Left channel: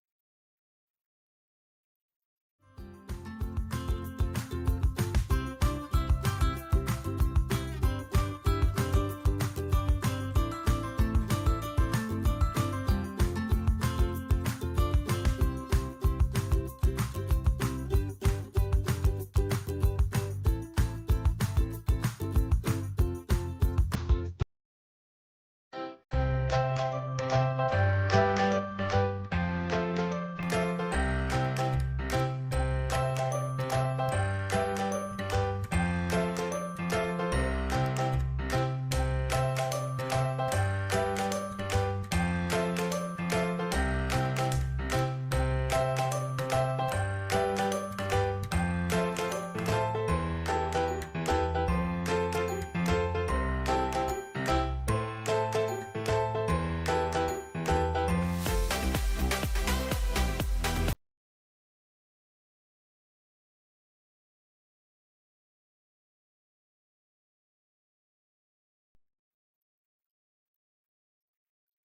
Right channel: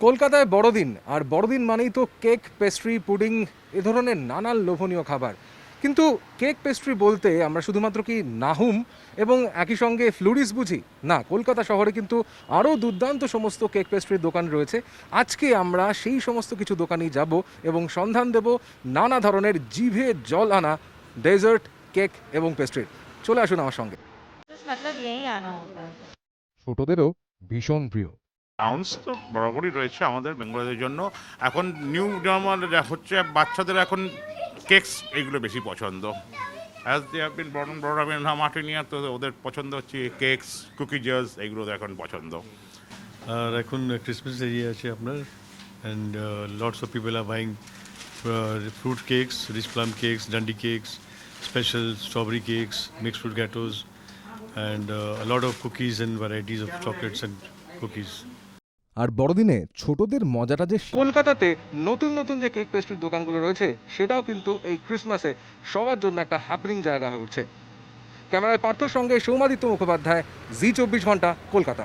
কলকাতায় বড়দিন, আর বড়দিন মানেই তো কেক, পেস্ট্রি, পুডিং এ ধরনের নানান লোভনীয় খাবার। কিন্তু কেক পেস্ট্রি বলতে আমরা শুধুমাত্র কি নাহুম এবং একই সঙ্গে ফ্লুরিস বুঝি? না, কলকাতা শহরে কিন্তু আরও দুর্দান্ত সমস্ত কেক পেস্ট্রির দোকান রয়েছে। আজকে আমরা সেই সমস্ত কিছু দোকানেই যাব এবং সন্ধান দেব নানা ধরনের জিভে জল আনা ডেজার্ট, কেক এবং পেস্ট্রি। চলে আসুন আমার সঙ্গে। मतलब यही आना होगा। ছোটদেরও ভীষণ প্রিয়। আউন্স তো বরাবরই রয়েছে আমাদের বেঙ্গলিদের জন্য। এখন নিউ নরমাল হচ্ছে বাচ্চাদের এখন কেকস এগুলো বেশি পছন্দ। As they have been brought up in মার্টিনিয়া, তো ওদের পছন্দ হচ্ছে কেকস, কুকিজেস, এগুলো এখন পছন্দ। আর এখন ক্রিসমাস এরিয়া আছে আপনার, and lots of people are buying fruit cakes, rich plum cakes, Dundee cakes, special strawberry cakes, mixed fruit gateaux, and lot of cookies and varieties of chocolates and cookies. আর বড়দিনে ছোটদের মজাটা যে কলকাতাতে নতুন নতুন যে কেক পেস্ট্রির দোকানগুলো রয়েছে, সেটাও কিন্তু এই ক্রিসমাসে সবার জন্য একটা হ্যাপেনিং জায়গা হয়ে উঠছে। ক্যামেরায় পার্থর সঙ্গে সৌমাদিত্য মুখোপাধ্যায়, জি 24 ঘন্টা, কলকাতা।